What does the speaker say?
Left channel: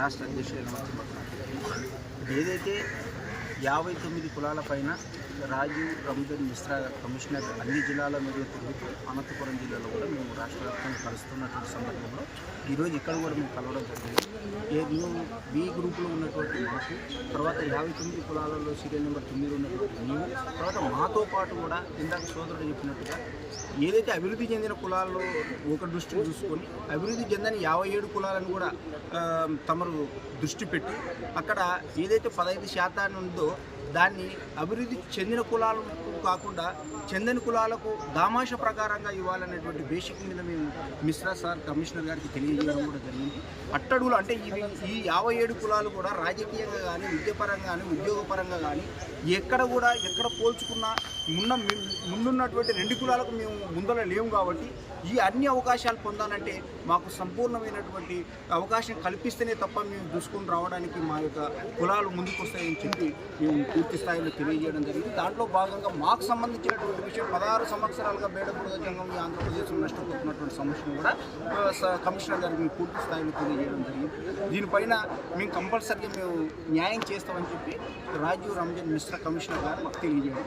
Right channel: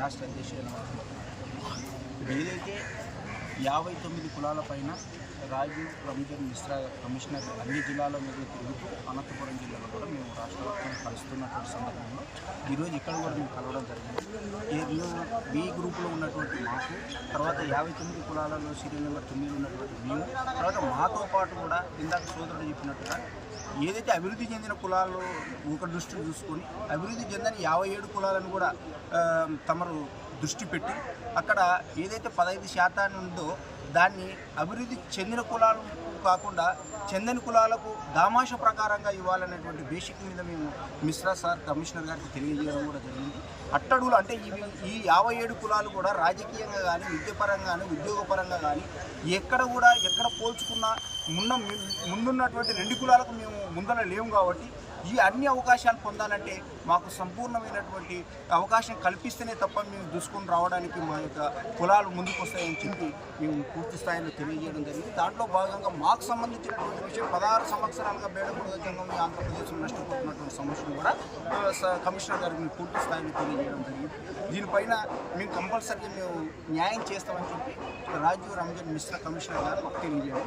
రాష్ట్ర అధ్యక్షుడు యనమర్తి. ఏదైతే 59 కులాల పైన రాజీవ్ రంజన్ మిశ్రా కమిషనర్ అన్ని జిల్లాల మీద తిరుగుతూ అనంతపురం జిల్లాలో కూడా మేము రాష్ట్ర వ్యాప్తంగా కలుస్తున్నటువంటి సందర్భంలో ఈరోజు ఇక్కడ కూడా మేము కలవడం జరిగింది. మేము బి గ్రూపులో ఉన్నటువంటి మాకు, తర్వాత 59 కులాలలో సీరియల్ నెంబర్ 9 ఉన్నటువంటి మేము, తర్వాత మాతో పాటు కూడా ఇందాక సోదరుడు చెప్పినట్టుగా ఏదైతే అభివృద్ధి చెందిన కులాల్లో ఒక దృష్టిని చూసుకొని అభివృద్ధి చెందని 57 కులాలను కూడా తమరు దృష్టి పెట్టి అక్కడ ఏదైతే 15% ఉందో దాన్ని అభివృద్ధి చెందిన కులాలకు కాకుండా చెందని కులాలకు దామాష ప్రకారంగా ఇవ్వాలనేటువంటి బేసిక్ మీద మేము మిశ్రా సార్ కమిషనర్ గారికి తెలియజేయడం కూడా జరిగింది. అట్టడుగులు అంటే ఈ 57 కులాలు కూడా రాజకీయంగా కానీ, విద్యాపరంగా కానీ, ఉద్యోగపరంగా కానీ ఎక్కడ పోల్చుకున్నా ముందున్నటువంటి 2 కులాలకు మేము ముందర లేము. కాబట్టి ఈ అన్ని అవకాశాలు పొందాలంటే మాకు సంపూర్ణమైనటువంటి అవకాశం కల్పిస్తేనే తప్ప మేము దూసుకొని రావడానికి మా యొక్క కులాలు ముందుకు వస్తాయని చెప్పి మేము పూర్తి స్థాయిలో తెలియజేయడం జరిగింది. దాంట్లో భాగంగా మాకు సంబంధించినటువంటి విషయం 16 సంవత్సరాలుగా బేడబుడగ జంగం ఈ ఆంధ్రప్రదేశ్లో నష్టపోతున్నటువంటి సమస్యను కూడా కమిషనర్ గారికి మేము పూర్తి స్థాయిలో తెలియజేయడం జరిగింది. దీనిపైన మేము కంపల్సరీగా మేము న్యాయం చేస్తామని చెప్పి రాజీవ్ రంజన్ మిశ్రా కమిషనర్ గారు మాకు తెలియజేయడం.